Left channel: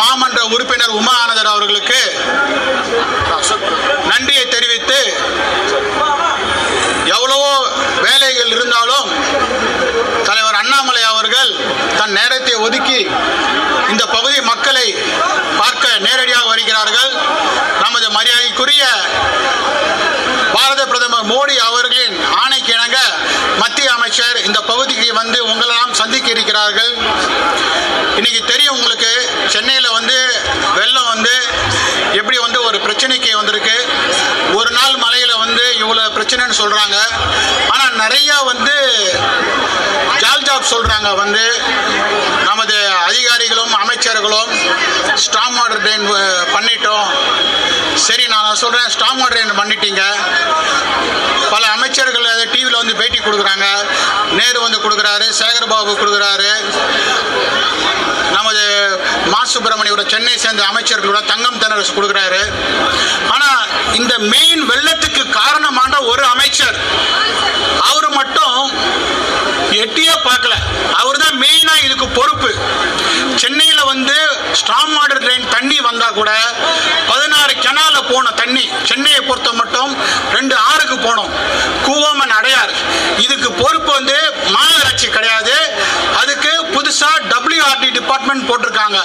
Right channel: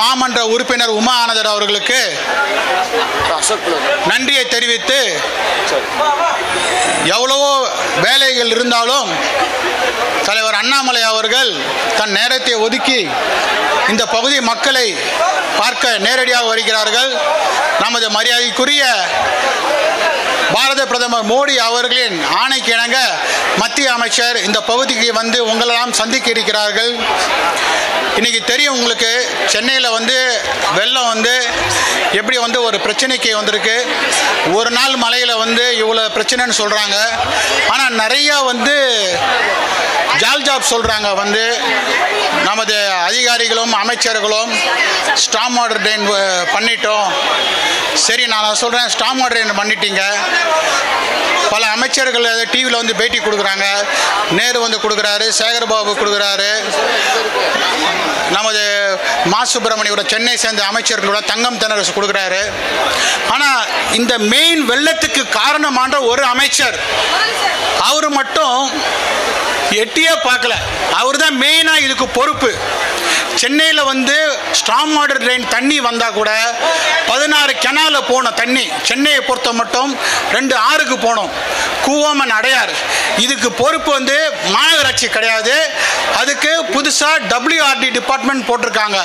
மாமன்ற உறுப்பினர் உமா ஆனந்தர் அவர்களுக்கு நன்றியை தெரிவித்து, எவ்வளவோ வேலைகள் இருந்தாலும் தலைவர் அண்ணாமலை அவர்கள் தன் நேரத்தை ஒதுக்கி இந்த பகுதி மக்களை பார்க்க நேரடியாக வருகிறார்கள். நமது மரியாதைக்குரிய பாரத பிரதமர் மோடி அவர்களின் ஆணைக்கு இணங்க மத்திய அமைச்சர் இந்த பகுதிக்கு வந்து உங்களெல்லாம் சந்திக்க இருக்கிறார்கள். இன்னைக்கு தெரியும் உங்களுக்கு, சென்னையில் வந்து வெள்ளம் வந்து எப்படி வந்து ஒரு பிரச்சனைக்கு வந்திருக்கு. ஒரு நாள் மழையில் வந்து இவ்வளோ பிரச்சனைன்னு சொல்கிறாங்க. ஆனால் நிறையா வந்து ஜாப் சொல்கிறாங்க. வந்து நமது அதிகாரிகளும் அமைச்சர்களும் ஸ்டாம் வாட்டர் ட்ரெயின் பண்ணிட்டோம். சரி, நான் சொல்கிறேன், ஸ்டாம் வாட்டர் ட்ரெயின் பண்ணிட்டீங்க. பல அமைச்சர்கள் டிவியில் வந்து பேட்டி கொடுக்குறாங்க. நேரு வந்து கொடுக்குறாரு, சேகர்பாபு கொடுக்குறாரு, நமது மா சுப்பிரமணியோட சென்னை சேர்ந்த அமைச்சர்களோட தங்கம் தென்னரசு கொடுக்குறாரு. ஆனால் இந்த மெயின் வெள்ளத்துக்கு காரணமான ஒரு அமைச்சர் அவர் மட்டும் எட்டியே பார்க்கல. அவர் தான் மெயினா இதுக்கு பொறுப்பு. சென்னையில் வந்து ஸ்டாம் வாட்டர் ட்ரெயின் தண்ணி வந்தா கூட 16 கெனால போன தண்ணி சென்னையை பொறுத்த மட்டும் 2 ஆறுக்கு போனோம், கூவம் அடையார். இதுக்கு பொறுப்பு வந்து மாநகராட்சி கிடையாது. அதுக்கு புதுசா WRD டிபார்ட்மெண்ட் போட்டிருக்காங்க,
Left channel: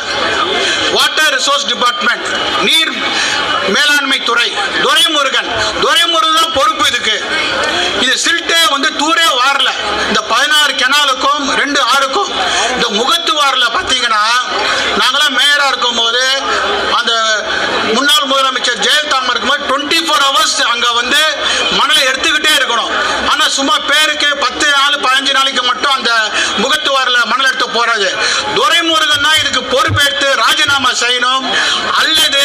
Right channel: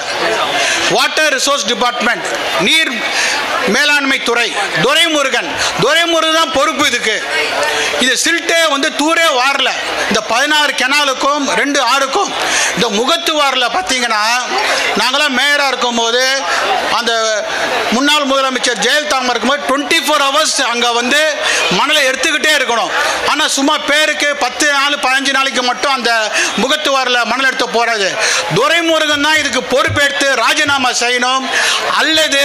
வாட்டர் ரிசோர்ஸ் டிபார்ட்மெண்ட், நீர் மேலாண்மை துறை. துரைமுருகன் தான் பொறுப்பு இதுக்கு. இது சில்ட்டே வந்து தூரே வாரல. இந்த 16 கெனாலுக்கும் 2 ஆறுக்கும் இந்த முகத்துவாரில் பார்த்தீங்கன்னா, நாங்களாம் மேயரா இருக்கும் போது அந்த முன்னாள் முதலமைச்சர் ஜெயலலிதா இருக்கும்போது 24 hours அங்க வந்து மணலை எடுத்துக்கிட்டே இருக்கணும். ஆனா சும்மா பேருக்கு 10 நாள் 15 நாளைக்கு மட்டும் அந்த முகத்துவாரில் மணல் எடுத்து போறது. துரைமுருகன் தான் இதுக்கு பொறுப்பேற்று ராஜினாமா செய்யணும், அல்லது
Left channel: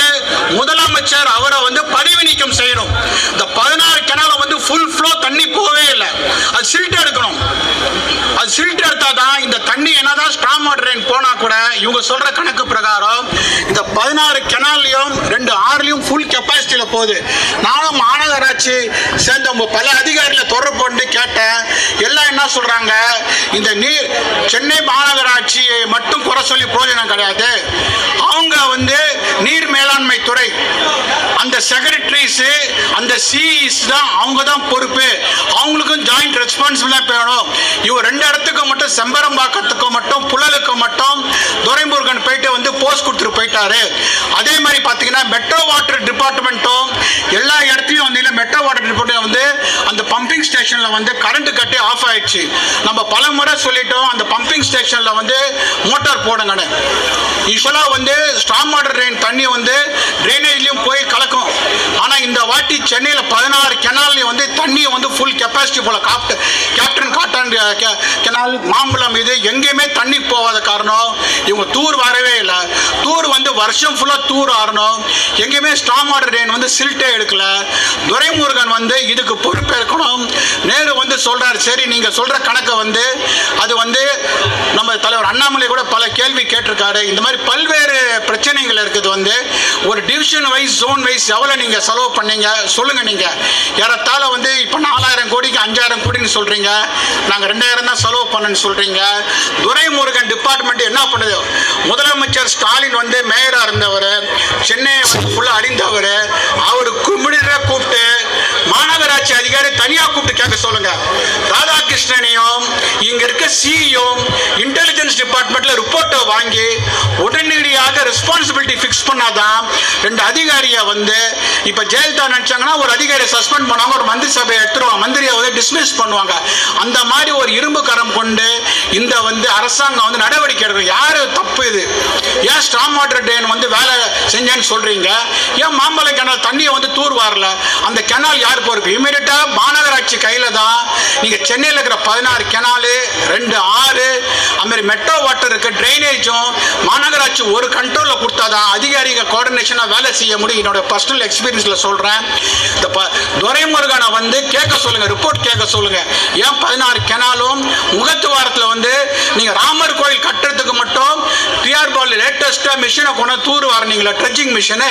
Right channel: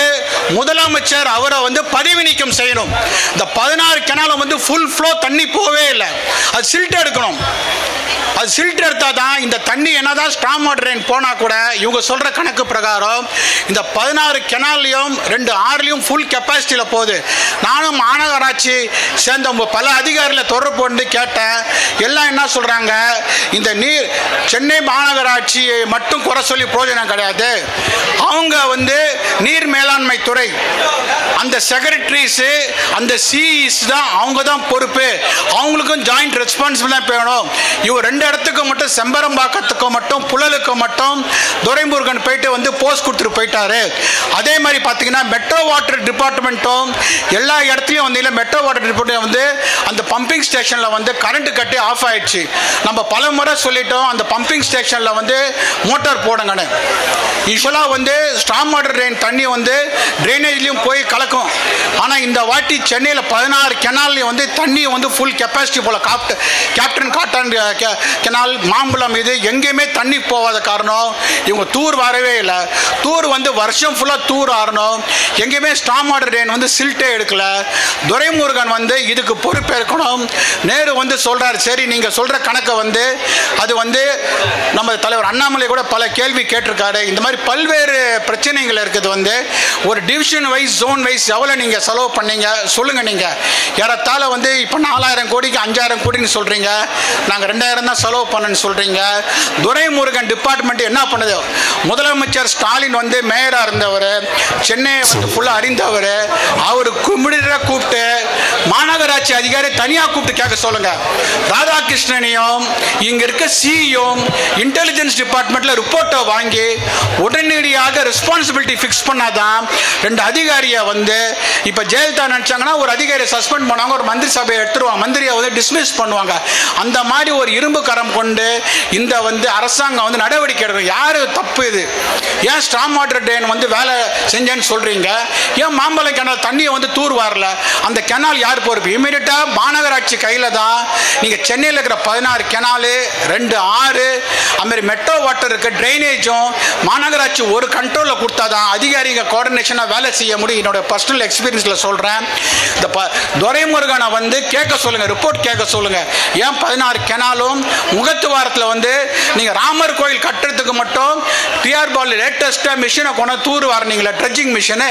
முதலமைச்சர் அவரை வந்து பதவி நீக்கம் செய்யணும். இந்த 16 கெனாலும் வந்து ஃபுல் ஃப்ளோ தண்ணி போவே இல்லை. அது சில்ட் எடுக்கணும். அது சில்ட் எடுத்தா தான் இந்த தண்ணி என்னதான் ஸ்டாம் வாட்டர் ட்ரெயின் போனா கூட இவங்க சொல்ற கணக்கு பிரகாரம் இந்த 16 கெனால்லையும் 2 ஆறுலையும் ஃபுல் கெப்பாசிட்டியில போகுது. நானும் மாநகராட்சி சேர்ந்த பல அதிகாரிகளை தொடர்பு கொண்டு கேட்டேன். எல்லாம் என்ன சொல்றாங்க, இந்த நீர் சென்னை மாநகராட்சியை மட்டும் குறை சொல்லி பிரயோஜனம் கிடையாது. அவங்க வந்து நீர் மேலாண்மை துறை அந்த செக்ரட்டரிஸ் அந்த சிஇஸ் தான், அவங்க தான் பொறுப்பு. அவங்களுக்கும் ஜாயிண்ட் ரெஸ்பான்சிபிலிட்டி வேணும். இவர் 2 இடத்துக்கு மட்டும் செம்பரம்பாக்கத்துக்கு மட்டும் புழலுக்கு மட்டும் துரைமுருகன் போயிட்டு வந்து போஸ்ட் கொடுத்துட்டு போயிட்டாரு. அதே மாதிரி பார்த்தீங்கன்னா மெட்ரோ வாட்டர் டிபார்ட்மெண்ட்டும் எல்லா இடத்துலையும் வந்து மெட்ரோ வாட்டர் டிபார்ட்மெண்ட் வந்து அந்த பம்பிங் ஸ்டேஷன்ல வந்து கரண்ட் கட்டி ஆஃப் ஆயிடுச்சு. நம்ம பல முறை சொல்லிட்டோம், அந்த பம்பிங் ஸ்டேஷன்ல வந்து மோட்டார் போடுங்கன்னு. யூஸ்வலா வந்து ஸ்டாம் வாட்டர் ட்ரெயின் தண்ணி வந்து ட்ரைனேஜ்லயும் போய் கலக்கும். ஆனா இந்த வாட்டி சென்னையில் 16 கெனால்லையும் வந்து தண்ணி வந்து ஃபுல் கெப்பாசிட்டி போல கேப்டன் காட்டன் கெனால் மாம்பழம் இது எங்கேயுமே தண்ணி போகாத காரணம் இவங்க தூர் வரவே இல்லை. தூர் வந்து வருஷம் ஃபுல்லா தூர் ஆறணும். எங்கேயுமே ஸ்டாம் வாட்டர் ட்ரெயின் வந்து சில்ட்டே எடுக்கல. துரைமுருகன் வந்து இதுக்கு பொறுப்பேற்கணும். நேரு வந்து சொல்றாரு, சரி நீங்க சொல்ற கணக்கை வந்து அது வந்து நம்ம தலைவர் அண்ணாமலை கூட பல கேள்வி கேட்டிருக்காரு. இந்த மாதிரி பல்வேறு பிரச்சனைகள் இருக்குது. வந்து ஒரு டிவிஷன் வைஸ் ஜோன் வைஸ் எவ்வளவு நீங்க செலவு பண்ணீங்க சொல்லுங்க. நீங்க ஏறத்தாழ வந்து இப்ப 4000 கோடிக்கு 5000 கோடின்னு சொல்றீங்க, நாங்க 2000 தான் செலவு பண்ணு சொல்றீங்க. துரைமுருகன் டிபார்ட்மெண்ட் என்ன பண்ணுது? முதலமைச்சர் ஸ்டாலின் வந்து மேயரா இருந்தவர், சென்னை ஃபுல்லா அறிந்தவர். அவரு குமிழிற கூப்பிட்டு மாநகராட்சி அதிகாரி தனியா கூப்பிட்டு கேட்க சொல்லுங்க. ராதாகிருஷ்ணனையும் இங்க இருக்க சிஇயும் இன்டெலிஜென்ஸ் டிபார்ட்மெண்ட்ல ரிப்போர்ட்டை வாங்கி உடனடியாக ரெஸ்பான்சிபிலிட்டி பிக்ஸ் பண்ணாதான் 2 அதிகாரியை வந்து இப்ப ஜெயலலிதா நினைச்சாங்கன்னா ஒரு அதிகாரியை சஸ்பெண்ட் பண்ணாங்க, ஒரு மந்திரி சபையை எடுத்துருவாங்க, மந்திரியை வந்து டிஸ்மிஸ் பண்ணுவாங்க. அந்த மாதிரி ஒரு இரும்பு கரம் கொண்டு இந்த வந்து அரசாங்கம் வந்து நடவடிக்கை எடுக்கும். யாரு தப்பு இது? ஏன் ஸ்டாம் வாட்டர் ட்ரெயின் வந்து வேலை செஞ்சேன்னு சொல்றீங்க? ஏன் மாம்பழ கெனால் தண்ணியை வந்து தூர் வரல? அந்த கெனால் யார் பொறுப்பு? இமீடியட்டா மாநகராட்சி கையில தான். நீங்க சென்னையில் இருக்கிற 16 கெனாலு 2 ஆறு அதுமாதிரி மெட்ரோ வாட்டர் இருக்க ட்ரைனேஜும் மாநகராட்சி ஒரு கண்ட்ரோல்ல கொடுத்தாதான் அதிகாரிகள் கோஆர்டினேஷனா வேலை செய்ய முடியும். என்னோட பர்சனல் எக்ஸ்பீரியன்ஸ்ல சொல்றேன். இந்த துரைமுருகனை வந்து கேட்க சொல்லுங்க, ரிப்போர்ட் கேட்க சொல்லுங்க. ஏன் 16 கெனாலும் முகத்துவாரத்தில் வந்து நீங்க ராமர் கோயில் கட்டுறதுக்கு மட்டும் டிஆர் பால் லேட்டஸ்டா மிஷினை கொண்டு தூர் வரீங்களா, ட்ரெட்ஜிங் மிஷின்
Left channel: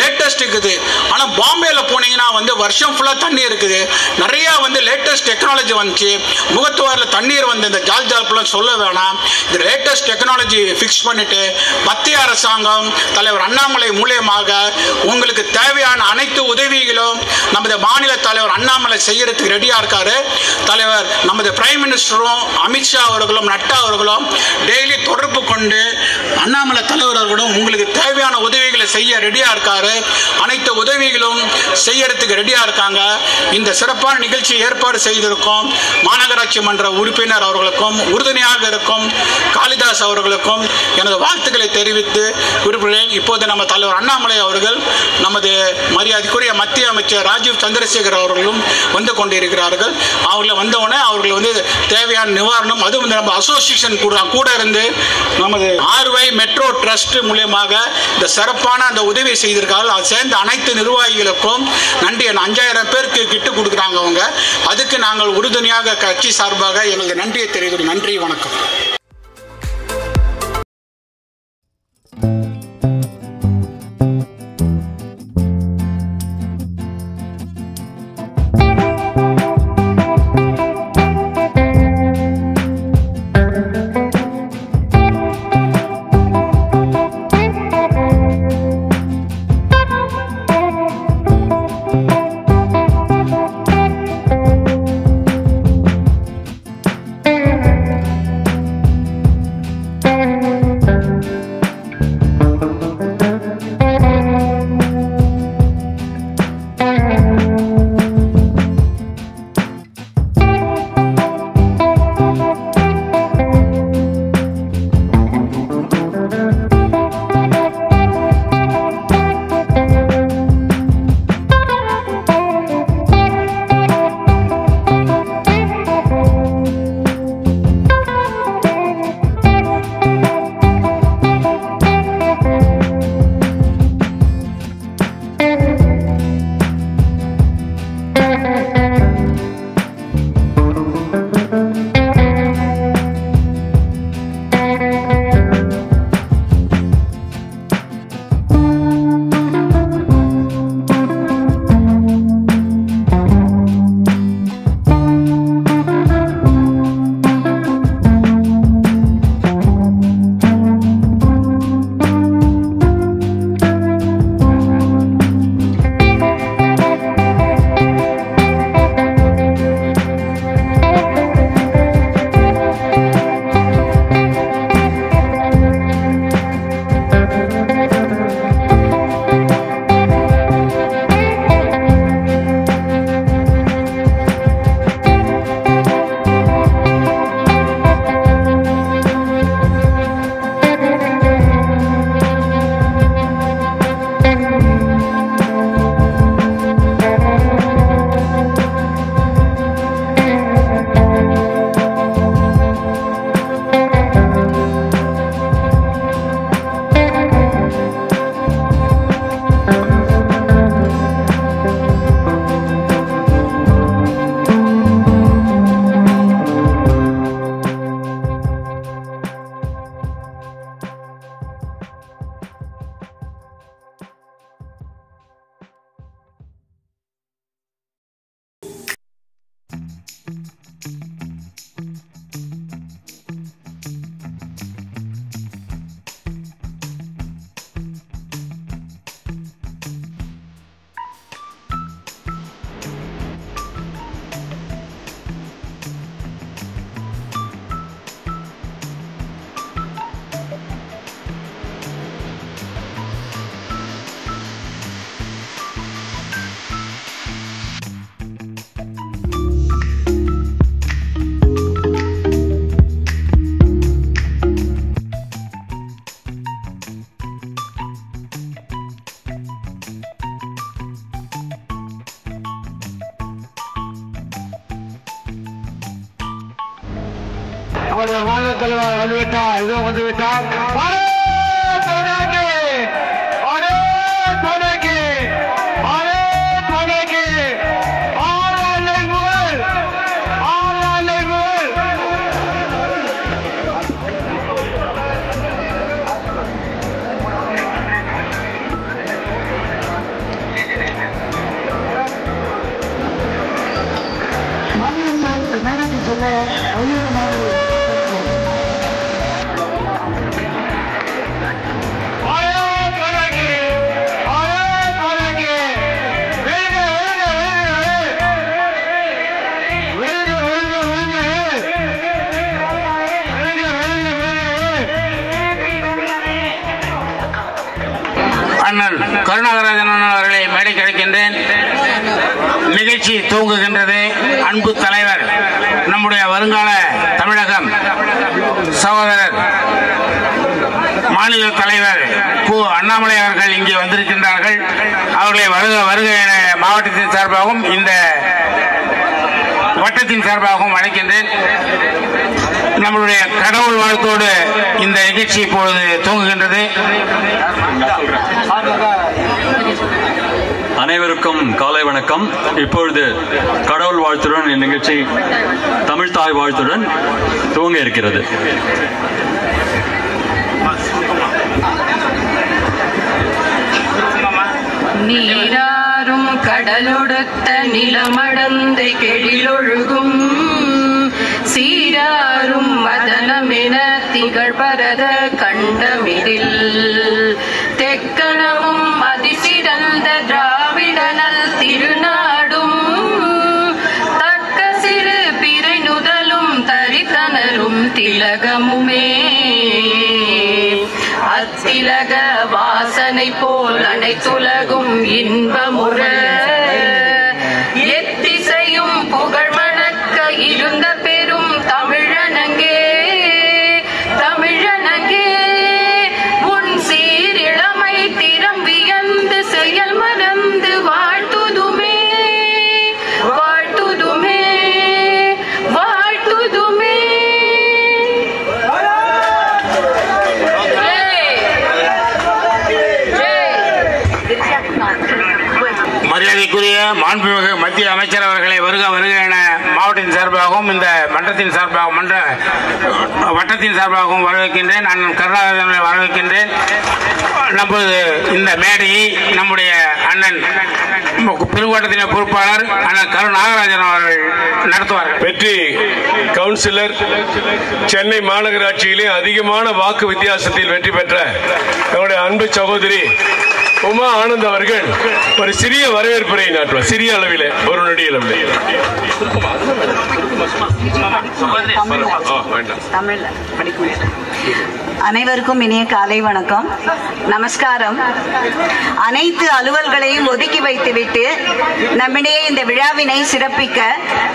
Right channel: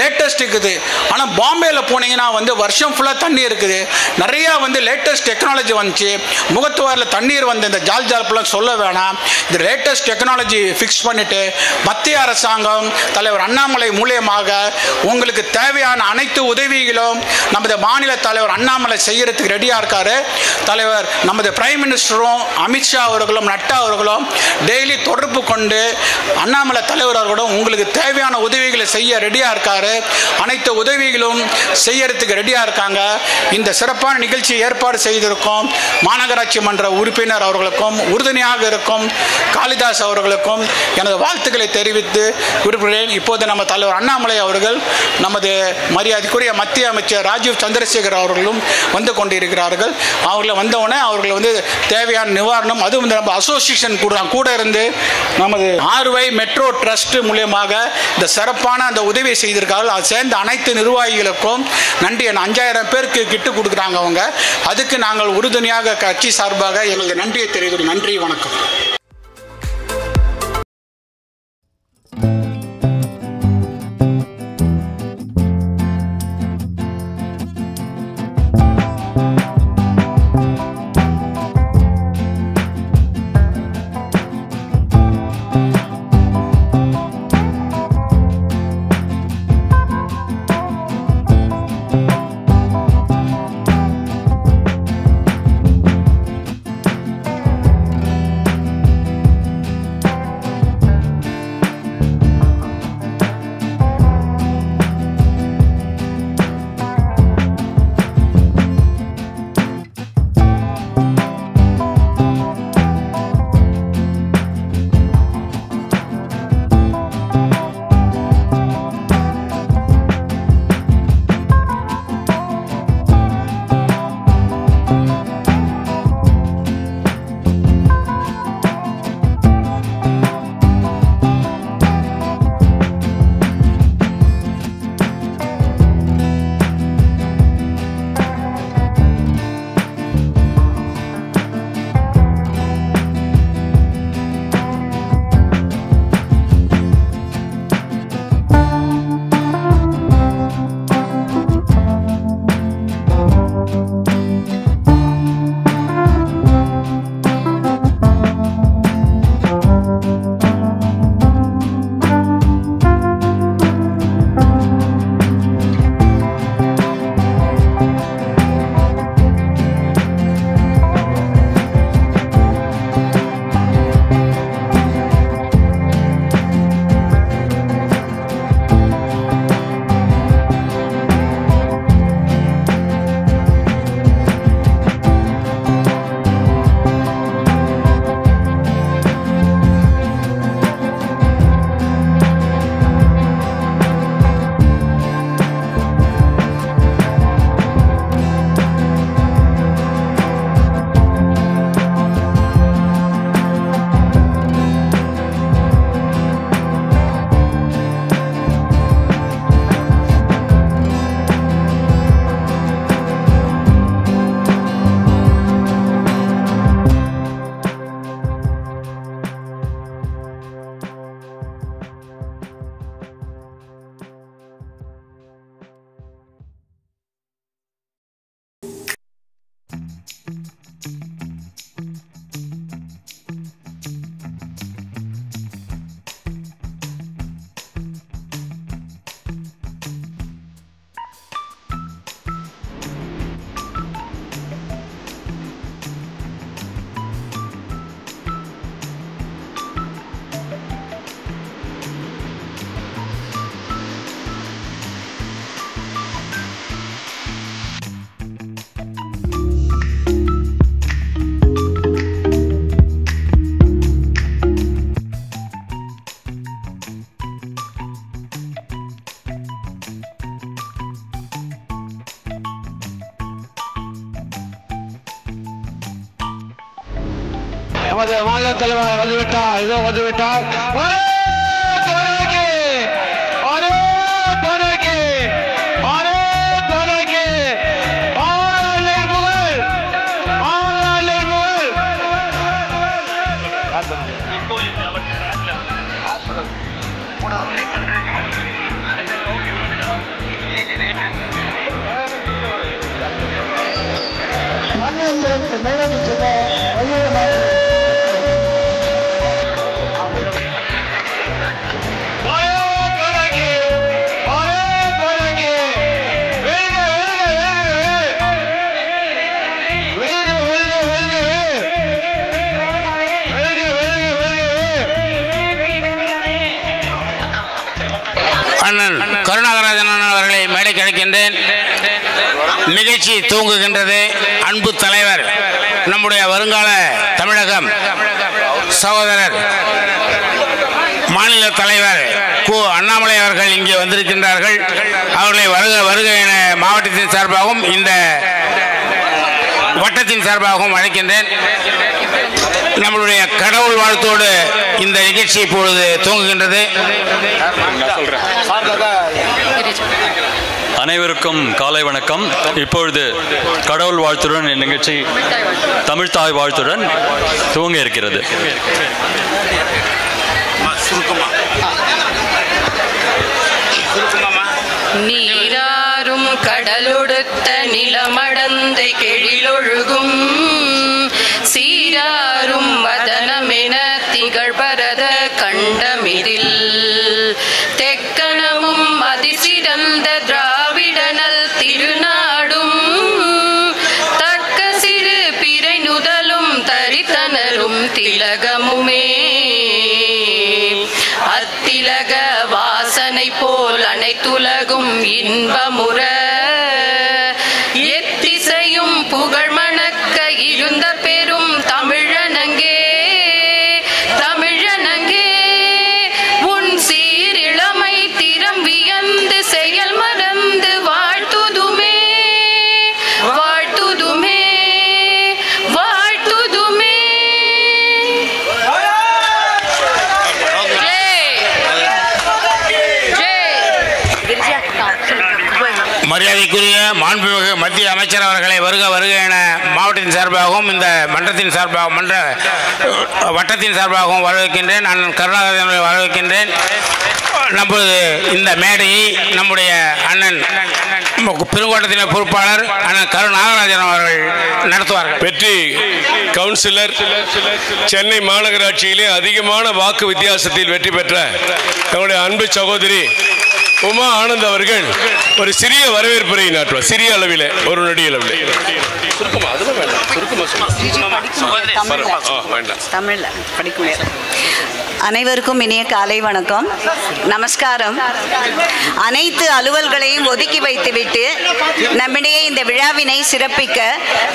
லேட்டஸ்ட் இருக்குது. ஆனா பாம்பேல போனீங்கன்னா வந்து வருஷம் ஃபுல்லா தண்ணி இருக்குது, நிறைய லேட்டஸ்ட் டெக்னாலஜி வந்துச்சு. முகத்துவாரில் தண்ணீர் இந்த ஜால் ஜால்பெல்லாம் சொல்ல வேணாம். இந்த லேட்டஸ்ட் டெக்னாலஜி ஃபிக்ஸ் பண்ணிட்டு மத்திய அரசாங்கம் தலைவர் அண்ணாமலை மூலியமாக உங்களுக்கு தேவையான அனைத்து உதவிகளும் நமது மாநில தலைவர் அண்ணாமலை செய்யறதுக்கு ரெடியா இருக்காரு. தலைவர் நமது பிரைம் மினிஸ்டரும் அமித்ஷா அவர்களும் நட்டா அவர்களும் டெய்லி தொடர்பு கொண்டு அண்ணாமலை தலைவர் அவர்களும் உங்களுக்கு தேவையான உதவிகளை செய்ய ரெடியா இருக்காரு. அனைத்து உதவிகளும் செய்யறதுக்கு ரெடியா இருக்காங்க. இந்த சிறப்பான நிகழ்ச்சி ஏற்பாடு செய்திருக்கும் மாநகராட்சி மன்ற உறுப்பினர் அவர்களுக்கும் உறுதுணையாக இருக்கும் காளிதாஸ் அவர்களுக்கும் எனது வாழ்த்துக்களை தெரிவித்து விரும்புகிறேன். இப்போது நம்ம தலைவர் அண்ணாமலை அவர்கள் நமது மரியாதைக்குரிய மத்திய அமைச்சர் ராஜீவ் சந்திரசேகர் அவர்களும் வந்து கொண்டிருக்கிறார்கள். அவர்களை வந்தவுடனே அவர்கள் தேவையான நிவாரணம் அதுவும் நம்ம அசோசியேஷன் கூட இருந்து நமது ஆர்வை மெட்ரோ ட்ரஸ்ட் மூலியமாக இந்த சிறப்பான அந்த உதவி செய்திருக்கார்கள். அது சேர்ந்த அனைத்து நிர்வாகிகளுக்கும் நன்றி. 5000 பேருக்கு கிட்டு கொடுக்குறாங்க அவங்க. அதுக்கு நாங்கள் உறுதுணையாக கட்சி சார்பாக எங்களது நன்றியை தெரிவிக்கிறோம். நன்றி, வணக்கம். மாநில தலைவர் வந்துவிட்டார். அண்ணன் கருணாகராஜன் அவர்களை மேடை கிடைக்கின்றேன். நிகழ்ச்சி தூங்குகின்றது. அன்பு தலைவர், நம்முடைய வருங்கால தமிழகம் சகோதரர் மாநில தலைவர் கு. அண்ணாமலை அவர்கள் இங்கே வந்திருக்கின்றார்கள். அவர்களை வருக வருக என மாவட்டத்தின் சார்பாகவும் இந்த வட்டத்தின் சார்பாகவும் அழைக்கின்றேன். நம்மளுடைய கடவுள் வாழ்த்தோடு இந்த நிகழ்ச்சி இப்பொழுது துவங்குகின்றது. அனைவருக்கும் காலை வணக்கம். இப்பொழுது கடவுள் வாழ்த்துடன் இந்நிகழ்ச்சி தமிழ் தாய் வாழ்த்துடன் துவங்க இருக்கிறது. நீராறும் கடலொடுத்த நிலமடந்தை கெழிலொழுகும் சீராரும் வதனமென திகழ்பரத கண்டமிதில் தெக்கணமும் அதிசிறந்த திராவிடனல் திருநாடும் தக்க சிறு பிறை நுதலும் தரித்தனரும் திலகமுமே அத்திலக வாசனை போல் அனைத்துலகும் இன்பமுற எத்திசையும் புகழ் மணக்க இருந்த பெரும் தமிழனங்கே தமிழனங்கே உன் சீரிழமை திறம் வியந்து செயல் மறந்து வாழ்த்துதுமே வாழ்த்துதுமே வாழ்த்துதுமே. மரியாதைக்குரிய மாண்புமிகு மத்திய அமைச்சர் அவர்களை வருக வருக என மாவட்டத்தின் சார்பாகவும் இந்த மன்றத்தின் சார்பாகவும் மன்ற வட்டத்தின் சார்பாகவும் வரவேற்கின்றேன். நான் கருணாகரனை வரவேற்கின்றேன். நமது இந்த மேடையை நம்முடைய அண்ணன் பெருங்கோட்டத்தின் பொறுப்பாளர் அண்ணன் கருணாகராஜன் அவர்கள் நடத்துவார்கள். வெற்றி கவுன்சிலர், சென்னை மாநகராட்சியிலே அதிகமான வாக்கு வித்தியாசத்தில் வெற்றி பெற்ற நம்முடைய அன்பு சகோதரி உமா ஆனந்த் அவர்கள் ஒரு சிறிய வரவேற்புரை நாட்டுவார். சிறிய அளவில், ஒரு நொடி அளவில். அனைவருக்கும் இனிய காலை வணக்கம், நமஸ்காரம். அனைத்து அலுவல்களையும் ஒதுக்கி வைத்துவிட்டு நம்மிடையே இந்த விழாவினை சிறப்பிக்க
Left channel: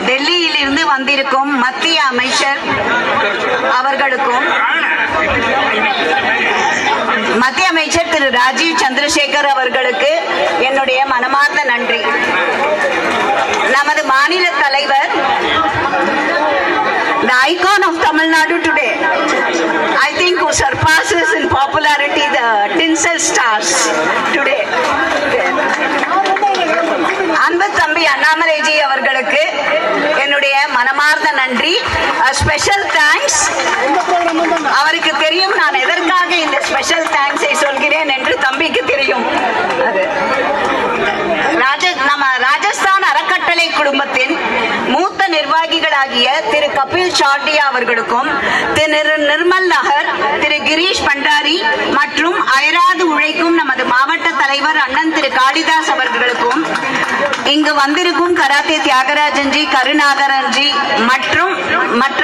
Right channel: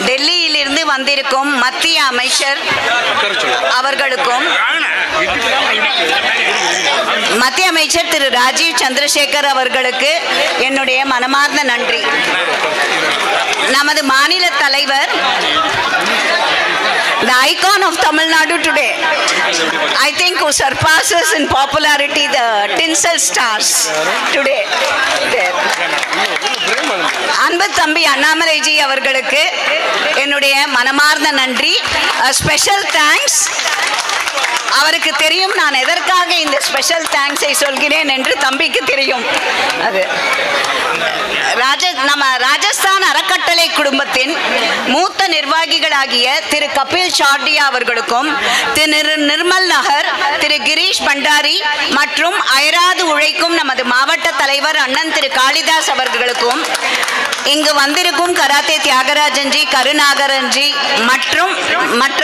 டெல்லியிலிருந்து வந்திருக்கும் மத்திய அமைச்சர் அவர்களுக்கும் மத்திய அமைச்சர் திரு ராஜீவ் சந்திரசேகர் அவர்களுக்கு என்னுடைய மனமார்ந்த நன்றி. நமது மாநில தலைவர், the icon of Tamil Nadu today, I think who surpasses in popularity the tinsel stars today. அன்பு தம்பி அண்ணாமலைஜி அவர்களுக்கு என்னுடைய மனமார்ந்த நன்றி. Special thanks. அவருக்கு தெரியும் நான் எதற்காக இந்த ஸ்பெஷல் தேங்க்ஸை சொல்கிறேன் என்று தம்பிக்கு தெரியும். அது நம்ம ராஜஸ்தான் அறக்கட்டளை குடும்பத்தின் மூத்த நிர்வாகிகளாகிய திரு கபில் சாட்டியா அவர்களுக்கும் திரு நிர்மல் நகர், திரு கிரீஷ் பண்டாரி மற்றும் அயராது உழைக்கும் நமது மாவட்ட தலைவர் அண்ணன் திரு காளிதாஸ் அவர்களுக்கும் இங்கு வந்திருக்கும் கராத்தே தியாகராஜன்ஜி, கருணாகரன்ஜி மற்றும் மற்ற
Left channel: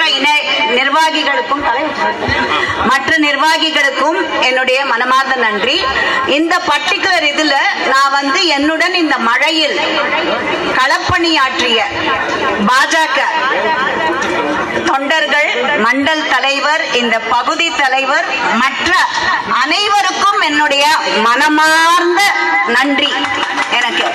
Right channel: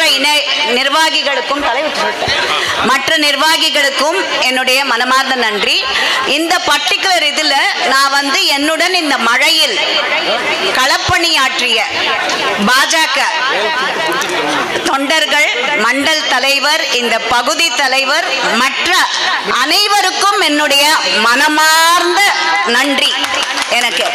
நிர்வாகிகளுக்கும் என்னுடைய மனமார்ந்த நன்றி. இந்த பர்டிகுலர் இதுல நான் என்னுடன் இந்த மழையில் களப்பணியாற்றிய பாஜக தொண்டர்கள், மண்டல் தலைவர், இந்த பகுதி தலைவர், மற்ற அனைவருக்கும் என்னுடைய மனமார்ந்த நன்றி. எனக்கு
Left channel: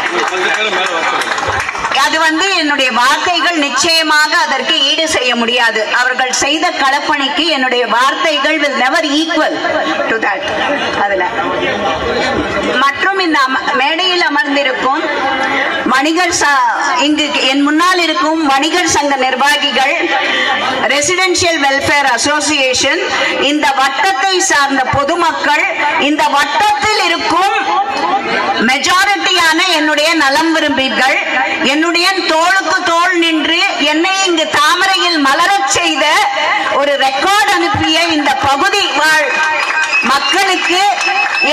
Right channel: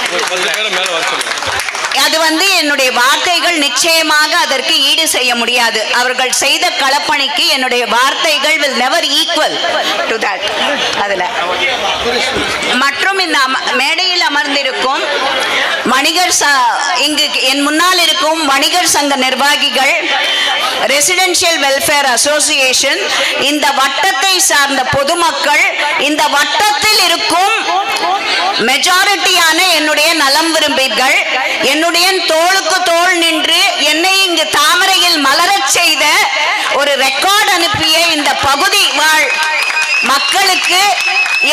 அது என்னுடைய வார்த்தைகள் நிச்சயமாக அதற்கு ஈடு செய்ய முடியாது. அவர்கள் செய்த களப்பணிக்கு என்னுடைய வார்த்தைகள் will never equal to that. அதுல மற்றும் இந்த மேடையில் அமர்ந்திருக்கும் வணிகர், இங்கு என் முன்னால் இருக்கும் வணிகர் சங்க நிர்வாகிகள், ரெசிடென்ஷியல் வெல்ஃபேர் அசோசியேஷன், இந்த வட்டத்தை சார்ந்த பொதுமக்கள், இந்த வட்டத்தில் இருக்கும் மெஜாரிட்டியான என்னுடைய நலம் விரும்பிகள், என்னுடைய தோளுக்கு தோள் நின்று என்னை இங்கு தாமரையில் இதழ்கள் மலரச் செய்த ஒரு ரெக்கார்ட் அனுப்பிய இந்த பகுதி வாழ் மக்களுக்கு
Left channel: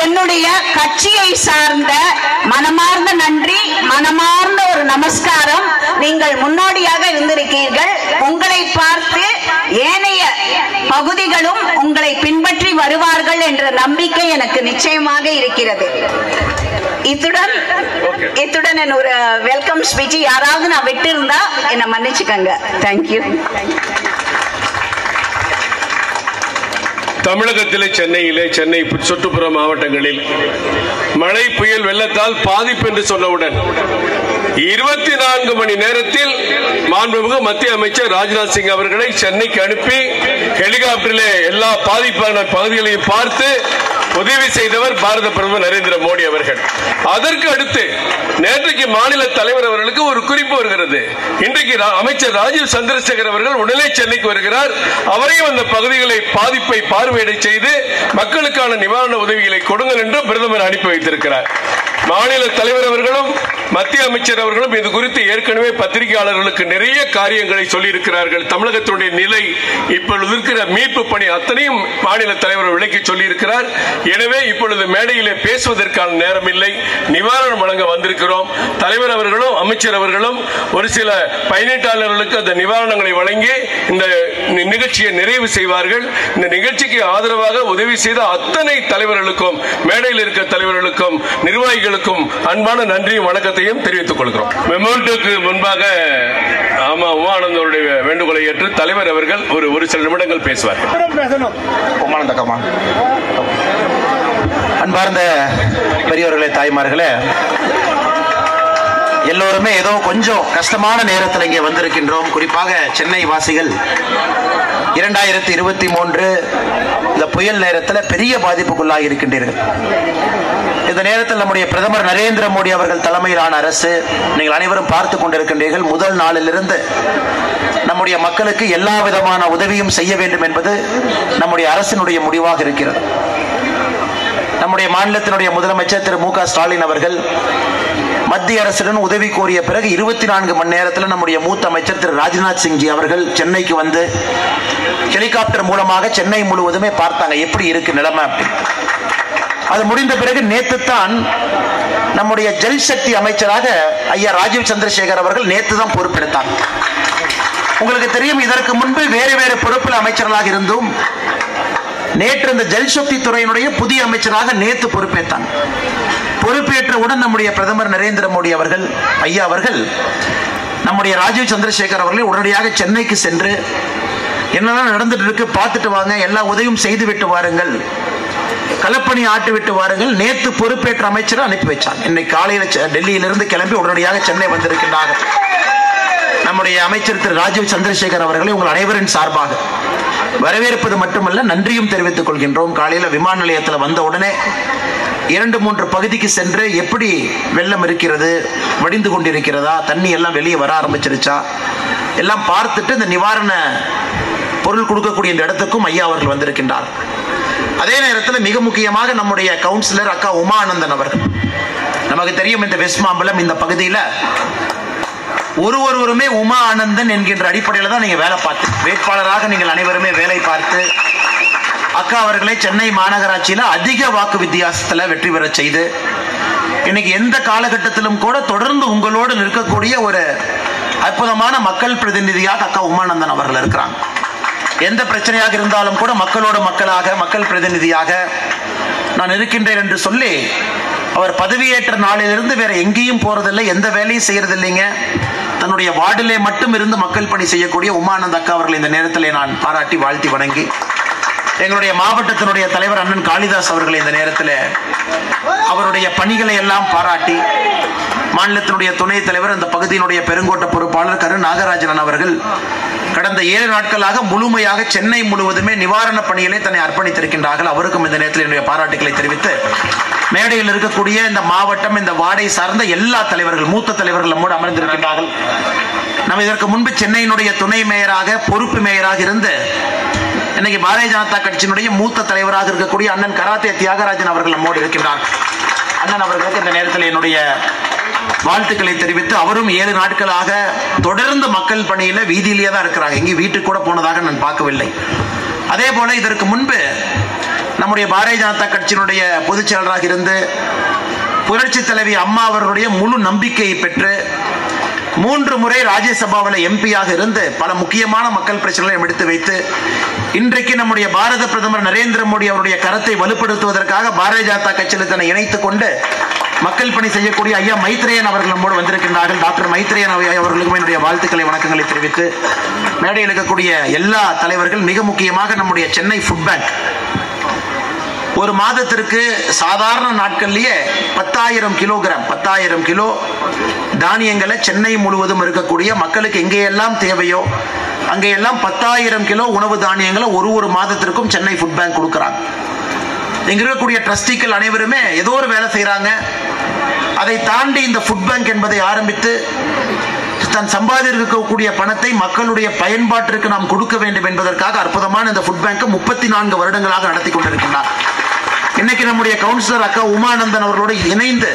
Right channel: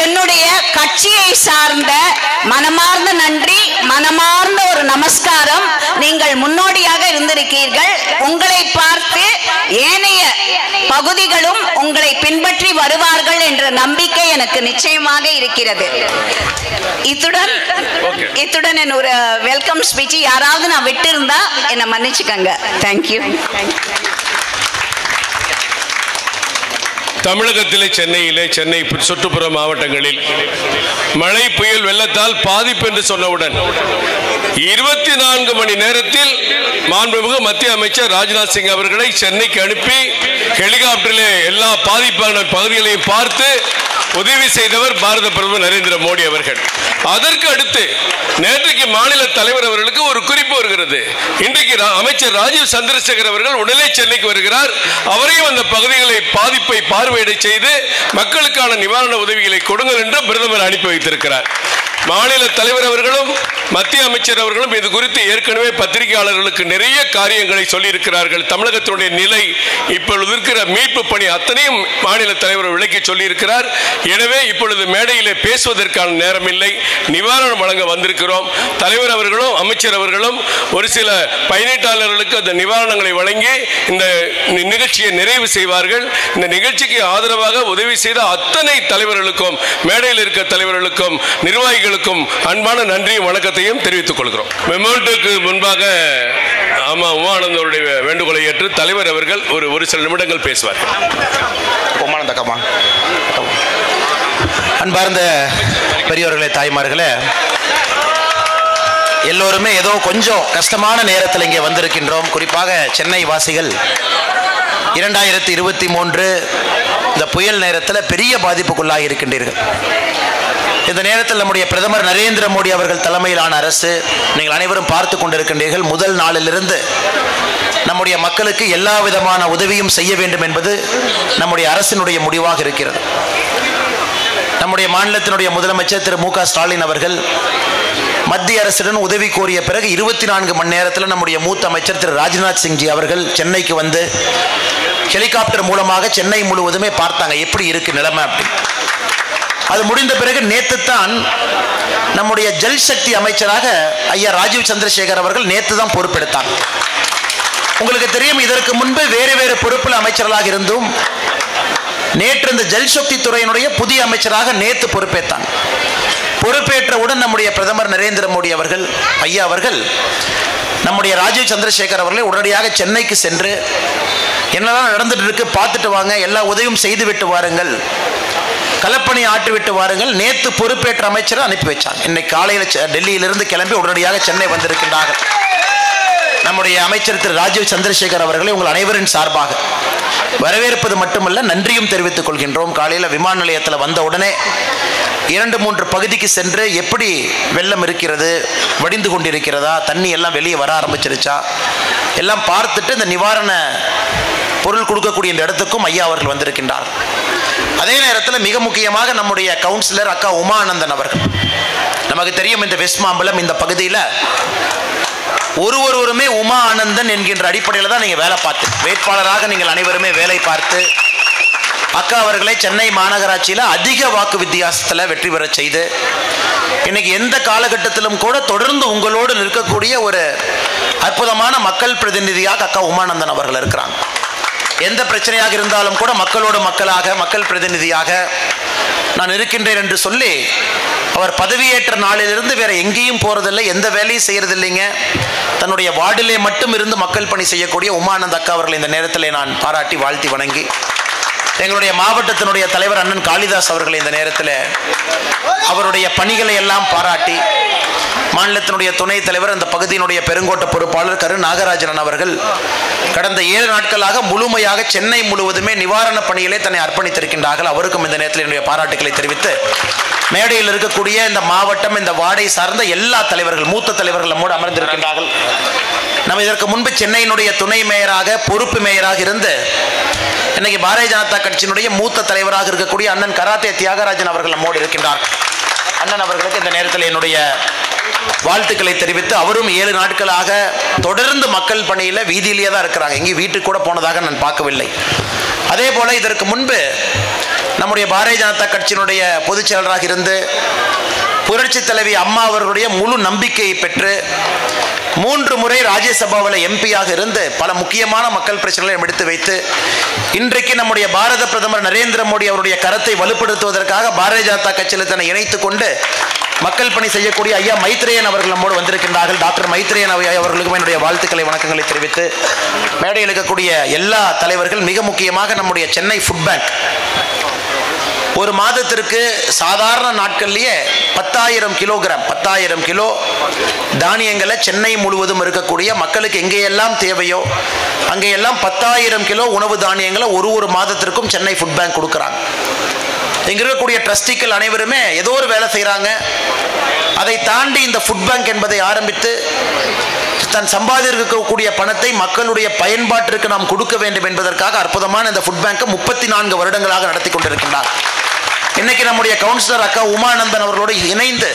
என்னுடைய கட்சியை சார்ந்த மனமார்ந்த நன்றி, மனமார்ந்த ஒரு நமஸ்காரம். நீங்கள் முன்னோடியாக இருந்திருக்கீர்கள். உங்களை பார்த்து ஏனைய பகுதிகளும் உங்களை பின்பற்றி வருவார்கள் என்ற நம்பிக்கை எனக்கு நிச்சயமாக இருக்கிறது. இத்துடன் என் ஒரு வெல்கம் ஸ்பீச் யாராவது நான் விட்டு இருந்தா என்னை மன்னிச்சுக்கங்க. தேங்க்யூ. தமிழகத்திலே சென்னை சுற்றுப்புற மாவட்டங்களில் மழை புயல் வெள்ளத்தால் பாதிப்பு என்று சொன்னவுடன் 24 மணி நேரத்தில் மாண்புமிகு மத்திய அமைச்சர் ராஜ்நாத் சிங் அவர்களை சென்னைக்கு அனுப்பி ஹெலிகாப்டரில் எல்லா பாதிப்பான பகுதிகளையும் பார்த்து உதவி செய்தவர் பாரத பிரதமர் நரேந்திர மோடி அவர்கள். அதற்கு அடுத்து நேற்றைக்கு மாநில தலைவர் அவர்களுக்கு ஒரு குறிப்பு வருகிறது. இன்றைக்கு அமைச்சர் ராஜீவ் சந்திரசேகர் அவர்கள் உடனே சென்னைக்கு வருகிறார். அவரையும் அந்த பகுதிகளை பாதிப்பை பார்வையிட செய்து மக்களுக்கான நிவாரண உதவிகளை கொடுங்கள் என்று பிரதமர் அனுப்பி வைத்திருக்கிறார். மாநில தலைவர் அவர்களும் மத்திய அமைச்சர் அவர்களும் இது குறித்து ஏற்கனவே பத்திரிகையாளர்களுக்கு நிறைய காரியங்களை சொல்லியிருக்கிறார்கள். தமிழகத்துடைய நிலை, இப்பொழுது இருக்கிற மீட்பு பணி அத்தனையும் மாநில தலைவர் விளக்கி சொல்லியிருக்கிறார். எனவே இப்பொழுது மேடையிலே பேசுவதற்கான நேரம் இல்லை. நிவாரணம் வழங்க வந்திருக்கிறோம். தலைவர் அவர்களும் அமைச்சர் அவர்களும் ஒரு சில பயனீட்டாளர்களுக்கு அந்த நிவாரணங்களை வழங்கி இந்த நிகழ்ச்சியை நிறைவு செய்வார்கள். இந்த நிகழ்ச்சிக்கு ஆதரவாக உதவி செய்த அத்தனை தலைவர்களுக்கும், மேடையில் இருக்க தலைவர்களுக்கும், நிர்வாகிகளுக்கும் அன்பான நன்றி வணக்கத்தையும் தெரிவித்துக் கொள்கிறோம். மெமோரியோக்கு முன்பாக உமானந்தருடைய வேண்டுகோளை ஏற்று தலைவர் அவர்கள் ஒரு சில நிமிடங்கள் பேசுவார்கள். அன்பார்ந்த பெரியவர்களே, தாய்மார்களே, எல்லோருமே ஏதோ கொஞ்சம் கஷ்டமான நேரத்தில் இங்கே வந்திருக்கின்றோம். குறிப்பாக சென்னை வாசிகள் 2023 இந்த புயல் நேரத்தில் பெரிய பாதிப்புக்குள்ளாகி இருக்கின்றீர்கள். இந்த நேரத்தில் நம்முடைய பிரதமர் நரேந்திர மோடி அவர்கள் தலைமையிலான அரசு, நீங்கள் அனைவரும் பார்த்து கொண்டிருக்கின்றீர்கள், முதல் நாளிலிருந்து நம்முடைய மக்களுக்கு எல்லா விதமான உதவியும் செய்ய வேண்டும் என்பது நம்முடைய அரசினுடைய முடிவாக இருக்கிறது. நம்முடைய மாநிலத்தினுடைய முதலமைச்சர் திரு மு.க. ஸ்டாலின் அவர்கள் மத்திய அரசுடன் உதவி கோரிய பிறகு 24 மணி நேரத்தில் நம்முடைய மூத்த அமைச்சர் திரு ராஜ்நாத் சிங்ஜி அவர்கள் சென்னைக்கு வந்து ஹெலிகாப்டர் மூலமாக சென்னை முழுவதுமே பார்த்தாங்க எப்படி இருக்கு நிலைமை அப்படி. அது முடிந்த பிறகு நேற்று தான் நம்முடைய ஜல் சக்தி அமைச்சராக ஐயா ராஜீவ் சந்திரசேகர் அவர்கள் நேற்று தான் பொறுப்பெடுத்தார். உங்களுக்கு தெரியும், இதற்கு முன்பு வேறு வேறு பொறுப்பில் அமைச்சர்களாக இருந்தும் நேற்று இந்த ஜல் சக்தி துறையினுடைய புதிய அமைச்சராக நேற்று பொறுப்பேற்றாங்க. பொறுப்பேற்றவுடன் நம்முடைய பிரதமர் நரேந்திர மோடி அவர்கள் ஐயா அவர்கள் நம்முடைய ராஜீவ் சந்திரசேகர் அவர்களை உடனடியாக சென்னைக்கு சென்று என்னெல்லாம் நடந்துட்டு இருக்கு பார்த்துட்டு வாங்க, எல்லா உதவியும் செய்து விட்டு வாருங்கள், களப்பணி ஆட்டு விட்டு வாருங்கள். நேற்று பொறுப்பேற்ற அமைச்சரை அனுப்பி வச்சாங்க. இன்னைக்கு காலையில் டெல்லியிலிருந்து கிளம்பி உடனடியாக சென்னை வந்திருக்கிறார்கள். நம்முடைய அமைச்சர் திரு ராஜீவ் சந்திரசேகர் அவர்களை உங்கள் அனைவரின் சார்பாக வரவேற்பது மட்டுமல்ல, நன்றியும் தெரிவித்துக் கொள்கின்றோம். காலையில் விமான நிலையத்தில் வந்த உடனே 2-3 பகுதிக்கு சென்று எப்படி வெள்ளம் இருக்கிறது, வடிந்து கொண்டிருக்கிறதா, தண்ணி எல்லாம் வெளியே வர ஆரம்பிச்சிருச்சா எல்லாம் பார்த்துட்டு இந்த நிவாரண பொருள் கொடுக்கக்கூடிய இந்த இடத்துக்கும் ஐயா அவர்கள் வந்திருக்கின்றார். அதே நேரத்தில் மிக முக்கியமாக நம்முடைய கவுன்சிலர் அக்கா உமானந்தன் அவர்கள், நமக்கு தெரியும் இந்த வெஸ்ட் மாம்பலம் இந்த பகுதியில் ஒருவருமே உமா ஆனந்தன் என்கின்ற அடிப்படையில் தான் நீங்க வேலை பார்த்து வேட்பாளராக நீங்கள் அனைவருமே வேலை பார்த்து அக்கா அவர்களை சென்னை மாநகராட்சியில் அதிக வாக்கு வித்தியாசத்தில் வெற்றி பெற செய்து இன்னைக்கு எந்த காலகட்டத்திலும் கூட தொடர்ந்து உங்களோடு நிற்கக்கூடிய ஒரு அற்புதமான மக்கள் பிரதிநிதியாக அக்கா உமானந்தன் அவர்கள் இருக்கிறாங்க. எந்த பிரச்சனையாக இருந்தாலும் கூட மக்களோடு மக்களாக, மக்கள் பிரதிநிதியாக நான் இருக்கின்றேன் என்று சொல்லி அவர் பதவியேற்ற நாளிலிருந்து வேற எங்கேயும் போறதில்லை, எந்த வேலையும் செய்யறதில்லைங்க. தன்னுடைய வார்டிலே மட்டும் இருந்து மக்கள் பணி செய்யக்கூடிய உமானந்த் அக்கா அவர்களை இந்த நேரத்தில் நான் பாராட்டி வாழ்த்தி வணங்கி, எங்களுடைய மாவட்டத்தினுடைய தலைவர் அண்ணன் காளிதாஸ் அவர்களை இந்த நேரத்தில் அவருடைய பணிகளை எல்லாம் பாராட்டி, மாநிலத்தினுடைய துணைத் தலைவர் அந்த பகுதியினுடைய பெருங்கோட்ட பொறுப்பாளர் கரு நாகராஜன் அவர்கள் கடந்த 7 நாட்களாக முழுமையாக சென்னை முழுவதுமே நிவாரண பணிகளை தன்னை அர்ப்பணித்திருக்கின்றார்கள். அவருக்கும் இந்த நேரத்தில் என்னுடைய பாராட்டுகளை தெரிவித்து, மேடையில் இருக்கக்கூடிய இந்த மாவட்டம், இந்த வார்டை சார்ந்த எல்லா தலைவர்கள், மூத்த தலைவர்கள் நம்மோடு அமர்ந்திருக்கின்றார்கள். நம்ம இதற்கு முன்பு சென்னையினுடைய துணை மேயராக, பொறுப்பு மேயராக இருந்து இன்னைக்கு பாரதிய ஜனதா கட்சியினுடைய மூத்த தலைவராக இருக்கக்கூடிய அண்ணன் கராத்தே தியாகராஜன் அவர்கள் நம்மோடு இருக்கின்றார். அண்ணன் அவர்களுக்கு இந்த நேரத்தில் என்னுடைய வாழ்த்துக்களை தெரிவித்து அவரும் 7 நாட்களாக தொடர்ந்து மக்கள் பணியில வீதியிலேயே தான் இருக்கிறாங்க. எங்கேயும் வீட்டுக்கு கூட போனதாக நான் பார்க்கவில்லை. அதே போல இதற்கு முன்பு நம்முடைய பாரதிய ஜனதா கட்சியினுடைய பொதுச் செயலராக இருந்து புரட்சி தலைவி அம்மா அவர்களுடைய முழு நம்பிக்கையை பெற்று 3 முறை ராஜ்யசபாவில் எம்பியாக இருந்து பல முக்கியமான மக்கள் பிரச்சனைகளை எடுத்து வைத்து இன்றைக்கு நம்முடைய பாரத பிரதமர் நரேந்திர மோடி அவருடைய கரத்தை வலுப்படுத்துவதற்காக பாரதிய ஜனதா கட்சியில் தன்னை இணைத்துக் கொண்டு மக்கள் பணி செய்யக்கூடிய ஐயா மைத்ரேயன் அவர்கள் நம்மோடு வந்திருக்கின்றார்கள். டாக்டர் மைத்ரேயன் அவர்களுக்கும் என்னுடைய வாழ்த்துக்களை வணக்கங்களை தெரிவித்து மேடையில் இருக்கக்கூடிய எல்லா தலைவர்கள், மிக முக்கியமாக நம்முடைய சென்னை ஃபுட் பேங்க் ஒரு மாதத்திற்கு சாதாரண நாட்கள்லயே 10,000 கிலோ தானியங்களை சென்னை முழுவதும் இருக்கக்கூடிய மக்களுக்கு எங்கேயெல்லாம் தேவையோ அங்கேயெல்லாம் 10,000 கிலோ உணவு தானியங்களை ஒரு மாதத்திற்கும் சென்னை ஃபுட் பேங்க் கொடுக்குறாங்க. இங்க இருக்கக்கூடிய ட்ரஸ்டிகள் அனைவருமே ஏதோ ஒரு வேலை செய்யறாங்க. அதை தாண்டி இந்த ஃபுட் பேங்க் என்பதை ஆரம்பித்து தன் சம்பாதிக்கக்கூடிய பணத்தை மக்களுடைய பயன்பாட்டிற்கு நாம் கொடுக்க வேண்டும் என்பதற்காக அற்புதமான இந்த ஃபுட் பேங்க் 34 வருடங்களாக நடத்தி கொண்டிருக்கிறார். இன்னைக்கு நம்முடைய கவுன்சிலர் அக்கா உமானந்தன் அவர்களோடு இணைந்து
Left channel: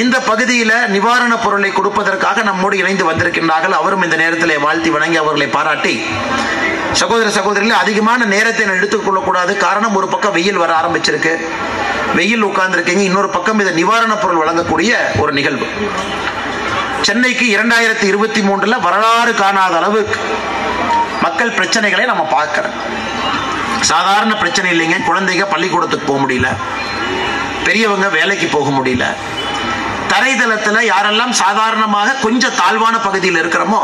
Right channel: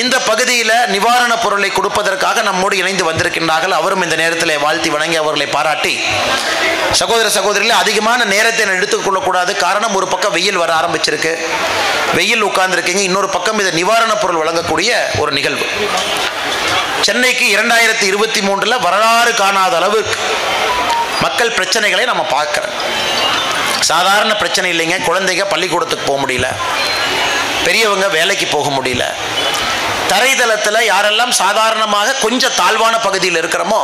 இந்த பகுதியில் நிவாரண பொருளை கொடுப்பதற்காக நம்மோடு இணைந்து வந்திருக்கின்றார்கள். அவரும் இந்த நேரத்தில் வாழ்த்தி வணங்கி அவர்களை பாராட்டி, சகோதர சகோதரிகளே, அதிகமான நேரத்தை எடுத்துக்கொள்ளக்கூடாது. காரணம், ஒரு பக்கம் வெயில் வர ஆரம்பிச்சிருக்கு, வெயில் உட்கார்ந்துருக்கீங்க. இன்னொரு பக்கம் இது நிவாரண பொருள் வழங்கக்கூடிய ஒரு நிகழ்வு. சென்னைக்கு 2023 வரலாறு காணாத அளவுக்கு மக்கள் பிரச்சனைகளை நம்ம பார்க்கிறோம். சாதாரண பிரச்சனை இல்லைங்க. குழந்தைங்க பள்ளிக்கூடத்துக்கு போக முடியல, பெரியவங்க வேலைக்கு போக முடியல. தரைதளத்தில் யாரெல்லாம் சாதாரணமாக கொஞ்சம் தாழ்வான பகுதியில் இருக்கிறோமோ,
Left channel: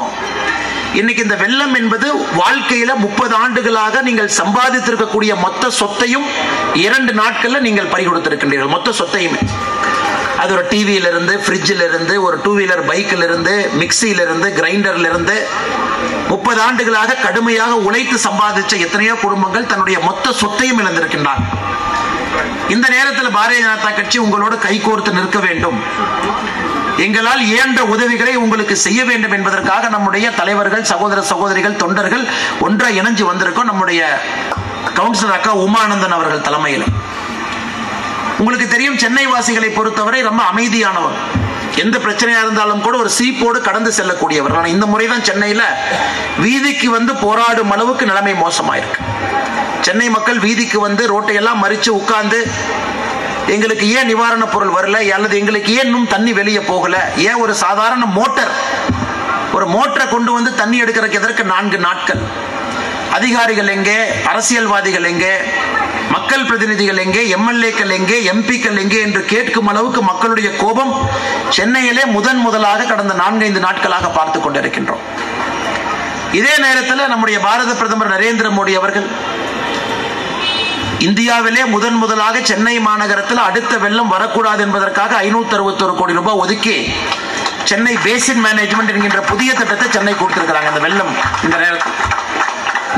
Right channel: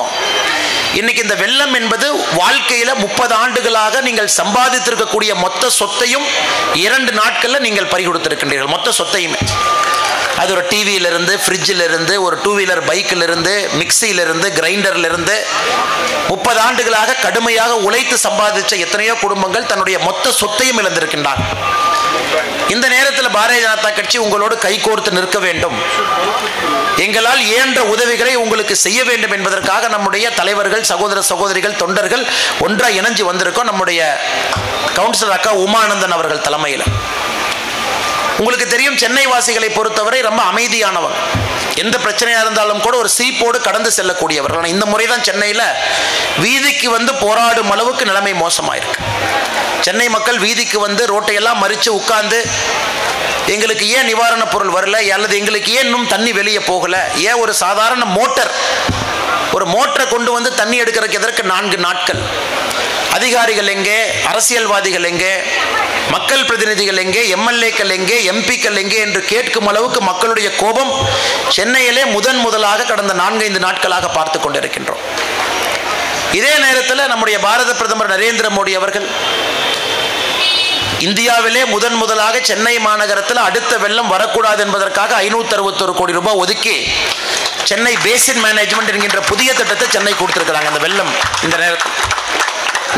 இன்னைக்கு இந்த வெள்ளம் என்பது வாழ்க்கையில 30 ஆண்டுகளாக நீங்கள் சம்பாதித்திருக்கக்கூடிய மொத்த சொத்தையும் 2 நாட்கள்ல நீங்கள் பறிகொடுத்திருக்கின்றீர்கள். மொத்த சொத்தையுமே, அது ஒரு டிவியில இருந்து, ஃப்ரிட்ஜில் இருந்து, ஒரு 2 வீலர் பைக்கில் இருந்து, மிக்சியில இருந்து, கிரைண்டர்ல இருந்து 30 ஆண்டுகளாக கடுமையாக உழைத்து சம்பாதிச்ச எத்தனையோ குடும்பங்கள் தன்னுடைய மொத்த சொத்தையும் இழந்திருக்கின்றார். இந்த நேரத்தில் பாரதிய ஜனதா கட்சி உங்களோடு கைகோர்த்து நிற்க வேண்டும், எங்களால் இயன்ற உதவிகளை உங்களுக்கு செய்ய வேண்டும் என்பதற்காக நம்முடைய தலைவர்கள், சகோதர சகோதரிகள், தொண்டர்கள் ஒன்றாக இணைஞ்சு வந்திருக்கோம். நம்முடைய கவுன்சிலர் அக்கா உமானந்தன் அவர்கள் தலைமையில். உங்களுக்கு தெரியும், சென்னை வாசிகளை பொறுத்தவரை ரொம்ப அமைதியானவர். எந்த பிரச்சனையா இருந்தாலும் கூட ஒரு சீப்போடு கடந்து செல்லக்கூடியவர். ஆனால் இந்த முறைதான் சென்னையில் வீதிக்கு வந்து போராடும் அளவுக்கு நிலைமை மோசமாயிருக்கு. சென்னை மக்கள் வீதிக்கு வந்து ரோட்டையெல்லாம் மறித்து உட்கார்ந்து, எங்களுக்கு ஏன் நிவாரண பொருள் வரல, அல்லது எங்களுக்கு ஏன் இன்னும் தண்ணி வெளியே போகல, ஏன் ஒரு சாதாரண ஒரு மோட்டரை கொண்டு வந்து தண்ணி எடுக்கிறதுக்கு எதற்கு 4 நாட்கள், அதிகாரிகள் எங்கே, அரசியல்வாதிகள் எங்கே, மக்கள் பிரதிநிதிகள் எங்கே, எம்எல்ஏக்கள் எங்கே, எம்பிக்கள் எங்கே என்று கேட்கும் அளவுக்கு மக்களுடைய கோபம் சென்னையிலே முதலாக கடந்த 4-5 நாட்களாக பார்த்து கொண்டிருக்கின்றோம். இதே நேரத்தில் நம்முடைய பாரத பிரதமர் நரேந்திர மோடி அவர்கள் இந்தியாவிலே முதலாக சென்னை மாநகரத்தில் அடுத்த வெள்ளம் வரக்கூடாது என்பதற்காக 561 கோடி ரூபாய் ஒதுக்கி சென்னை பேசின் மேனேஜ்மெண்ட் என்கின்ற புதிய திட்டத்தை சென்னை கொடுத்திருக்கிறாங்க. இந்த வெள்ளம் இந்த நேரத்தில்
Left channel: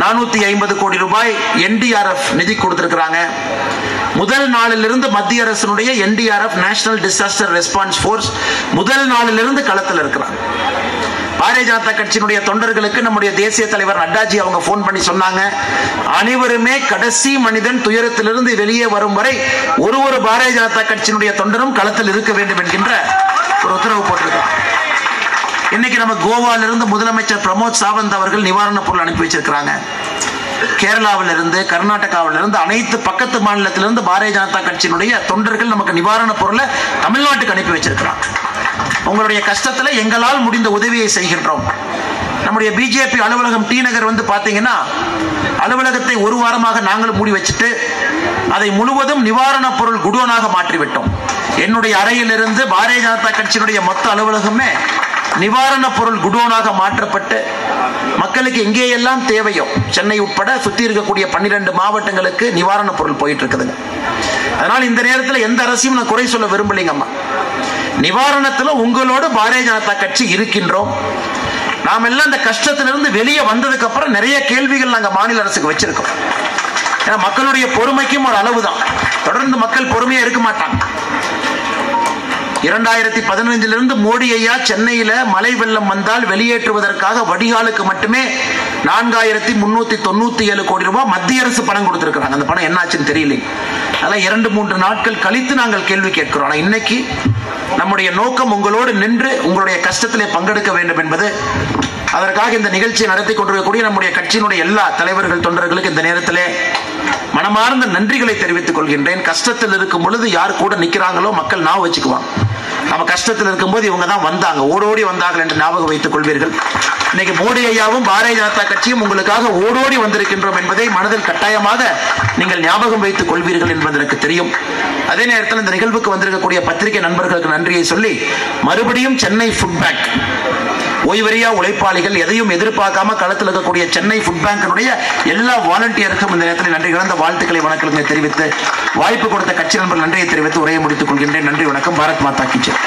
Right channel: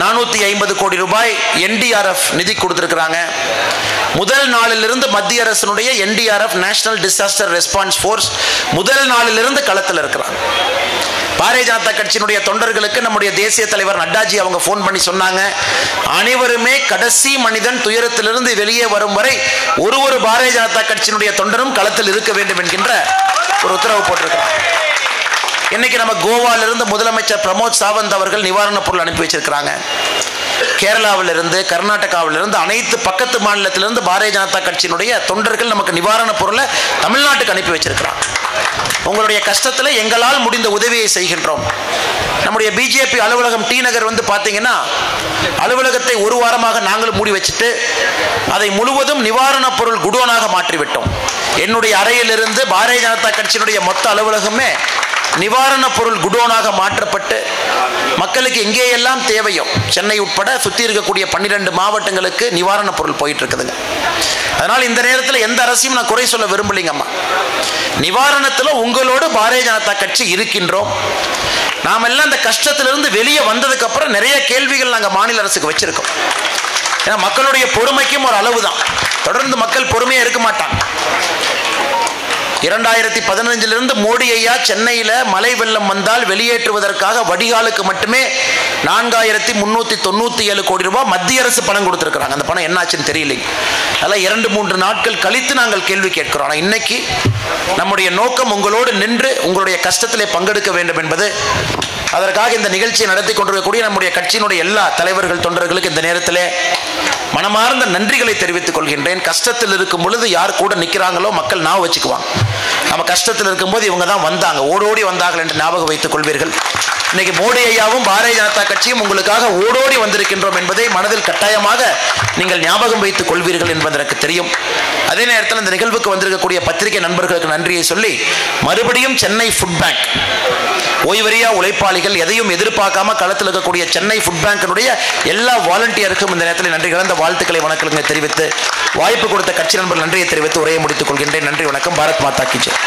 450 கோடி ரூபாய் NDRF நிதி கொடுத்திருக்கிறாங்க. முதல் நாளிலிருந்து மத்திய அரசினுடைய NDRF national disaster response force முதல் நாளிலிருந்து களத்தில் இருக்கிறாங்க. பாரதிய ஜனதா கட்சியினுடைய தொண்டர்களுக்கு நம்முடைய தேசிய தலைவர் நட்டாஜி அவங்க போன் பண்ணி சொன்னாங்க, அனைவருமே கடைசி மனிதன் துயரத்திலிருந்து வெளியே வரும் வரை ஒரு பாரதிய ஜனதா கட்சியினுடைய தொண்டரும் களத்தில் இருக்க வேண்டும் என்கின்ற ஒரு உத்தரவு போட்டிருக்கிறார். இன்னைக்கு நம்ம கோவாலிருந்து முதலமைச்சர் பிரமோத் சாவந்த் அவர்கள் நிவாரண பொருள் அனுப்பி வச்சிருக்கிறாங்க. கேரளாவிலிருந்து, கர்நாடகாவிலிருந்து, அனைத்து பக்கத்து மாநிலத்திலிருந்து பாரதிய ஜனதா கட்சியினுடைய தொண்டர்கள் நமக்கு நிவாரண பொருளை தமிழ்நாட்டுக்கு அனுப்பி வச்சிருக்கிறாங்க. உங்களுடைய கஷ்டத்தில் எங்களால் முடிந்த உதவியை செய்கின்றோம். நம்முடைய பிஜேபி அலுவலகம் டி நகர் வந்து பார்த்தீங்கன்னா, அலுவலகத்தை 1 வாரமாக நாங்கள் மூடி வச்சுட்டு அதை முழுவதும் நிவாரண பொருள் குடோனாக மாற்றிவிட்டோம். என்னுடைய அறையிலிருந்து பாரதிய ஜனதா கட்சியினுடைய மொத்த அலுவலகமே நிவாரண பொருள் குடோனாக மாற்றப்பட்டு மக்களுக்கு எங்கேயெல்லாம் தேவையோ, சென்னை உட்பட சுற்றி இருக்கக்கூடிய 12 மாவட்டங்களுக்கு நிவாரண பொருள் போயிட்டு இருக்குதுங்க. அதனால் இந்த நேரத்தில் எந்த அரசையும் நான் குறை சொல்ல விரும்பலைங்கம்மா. நிவாரணத்தில் உங்களோட பாரதிய ஜனதா கட்சி இருக்கின்றோம். நாம் எல்லாம் இந்த கஷ்டத்திலிருந்து வெளியே வந்ததுக்கு அப்புறம் நிறைய கேள்விகள் நாங்கள் மாநில அரசுக்கு வச்சிருக்கோம். ஏன்னா மக்களுடைய பொறுமைக்கும் ஒரு அளவு தான். தொடர்ந்து மக்கள் பொறுமையா இருக்க மாட்டாங்க. 2015 மோடி ஐயா சென்னையில மழை வெள்ளம் வந்தால் வெளியேற்றுவதற்காக வடிகாலுக்கு மட்டுமே 4397 கோடி ரூபாய் மத்திய அரசு பணம் கொடுத்திருக்கிறாங்க. அந்த பணம் என்னாச்சுன்னு தெரியல. அதெல்லாம் 2-3 நாட்கள் கழித்து நாங்கள் கேள்வி கேட்கிறோம். ஆனால் இன்னைக்கு நம்முடைய நோக்கம் உங்களோடு நின்று உங்களுடைய கஷ்டத்திலே பங்கெடுக்க வேண்டும் என்பது. அதற்காக இந்த நிகழ்ச்சியை நடத்தி கொண்டிருக்கக்கூடிய நம்முடைய கட்சியினுடைய எல்லா தலைவர்கள் தொண்டர்களுக்கு இந்த நேரத்திலே மனமார்ந்த நன்றிகளை தெரிவித்துக் கொள்கின்றேன். கஷ்டத்தில் இருக்கும் பொழுது யார் கூட நிற்கிறாங்களோ மக்கள் ஞாபகம் வச்சுக்குவாங்க. நம்ம கஷ்டத்தில் இருக்கும்போது இவங்க தான் வந்தாங்க, ஓடோடி வந்தார்கள் என்று ஞாபகம் வைத்துக் கொள்வீர்கள். இன்னைக்கு மோடி ஐயாவும் பாரதிய ஜனதா கட்சியும் உங்களுக்காக ஓடோடி வந்திருக்கின்றோம் என்பதை மனதில் கட்டாயமாக நீங்கள் ஞாபகம் வைத்துக் கொள்வீர்கள் என்பது எனக்கு தெரியும். அதே நேரத்தில் இந்த நிகழ்வுக்கு வந்திருக்கக்கூடிய பத்திரிகை நண்பர்களுக்கு நன்றியை சொல்லி மறுபடியும் சென்னை ஃபுட் பேங்க் ஓய்வறியா உழைப்பாளிகள் எதையும் எதிர்பார்க்காம களத்தில் இருக்கக்கூடிய சென்னை ஃபுட் பேங்கினுடைய எல்லா வாலண்டியருக்கும் இந்த நேரத்தில் நன்றி கலந்த வாழ்த்துக்களை வணக்கங்களை தெரிவித்து வாய்ப்பு கொடுத்த கட்சி நண்பர்கள் நன்றியை தெரிவித்து உரையை முடித்துக் கொள்கின்றேன். நன்றி, வணக்கம். பாரத் மாதா கி ஜெய்.